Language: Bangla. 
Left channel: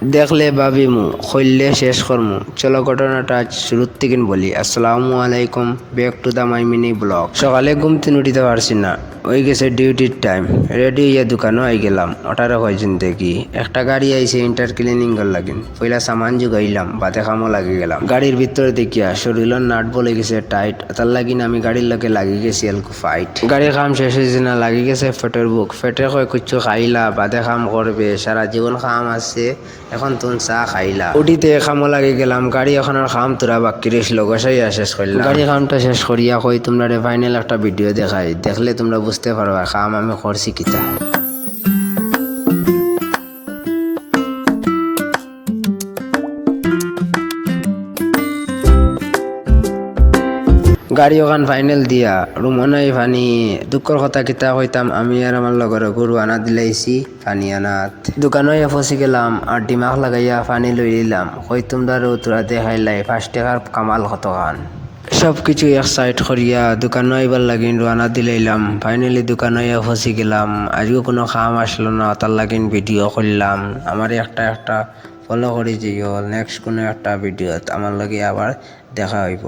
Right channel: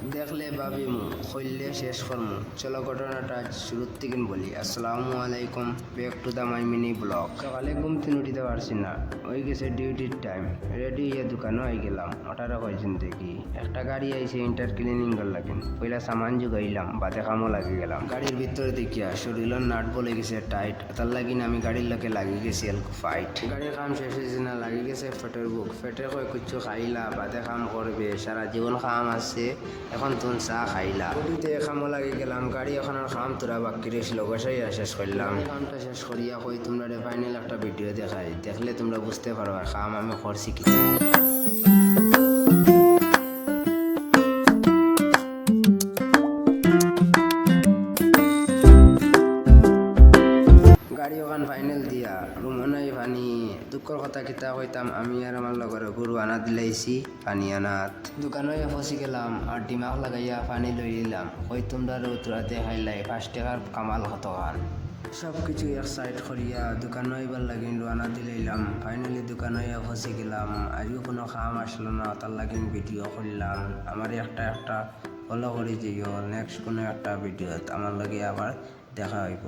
দেখলে ভাবিমু হইলে শেষ করমু। চলো ঘটনাটা আজ শুরুর থেকে বলি। আসসালামু আলাইকুম, back to the my mini blog. সকালে ঘুম থেকে উঠিতে পারছি না, ওই গেছে ডিউটির টাইম। রেডি হইয়া দোকানও আই গেলাম। ওটারও কয়জন দেখি একটা গাড়ি আইছে ইন্টার ক্লিনিং কর লাগিন। পয়লা সামান জুগাইলাম, বাদে কামও লাগি গেলাম। গাড়ির ভিতরে দেখিয়া শরীরের নাট বলে গেছে টাইট, তার লাগিন আমি গাড়ির লোকে লাগি গেছি এলকু ফাইট। গাড়ির কাম শেষ হয়েছে না, লাগি গেছে ফেটের বুক। ফেটে কয় কিছু খাইলা, বাদে কাম করবে, সারা জীবন কাম আছে, এখন তুন চা খাইলা। উঠিতে খামো লাগি গেলাম। গাড়ি এখন আর খাম তোরা বাকি রেছিল, গোসাইয়া শেষ করলাম। গাড়ি খামটা শেষ করিয়া কই তোমরা ফাইনাল একটা ভিডিও দেখাই, দেখলে তোমরা বুঝতে পারবা খাম আমি করছি কিতা। গাড়ি ওখান ফাইনাল দিয়া রুমনাই ফানি দুঃখর কথা কিতা কইতাম, আমি আর আমার লগর গরু আনা দিলাইছি ফানি আনাত। দোকানে ফসি গেলাম আর দিমাগ লাগাইয়া ফানি লই নিলাম। কই তোমরা রৌতরা দেখাইলাই 5 টাকার কামাল কত খান। সব কিছু এক সাইড করিয়া দোকানে আইবার লাগিন রানা দিলাইলাম। ফাইনালি দোকানে ফসি গেলাম। আজও কোনো খাম আসলো না, তার লাগিন ভিডিও করলাম। আমার একটা ফলো করে যাইও, নেক্সট কোনো একটা ভিডিওত আমার লগে আবার দেখা হইব।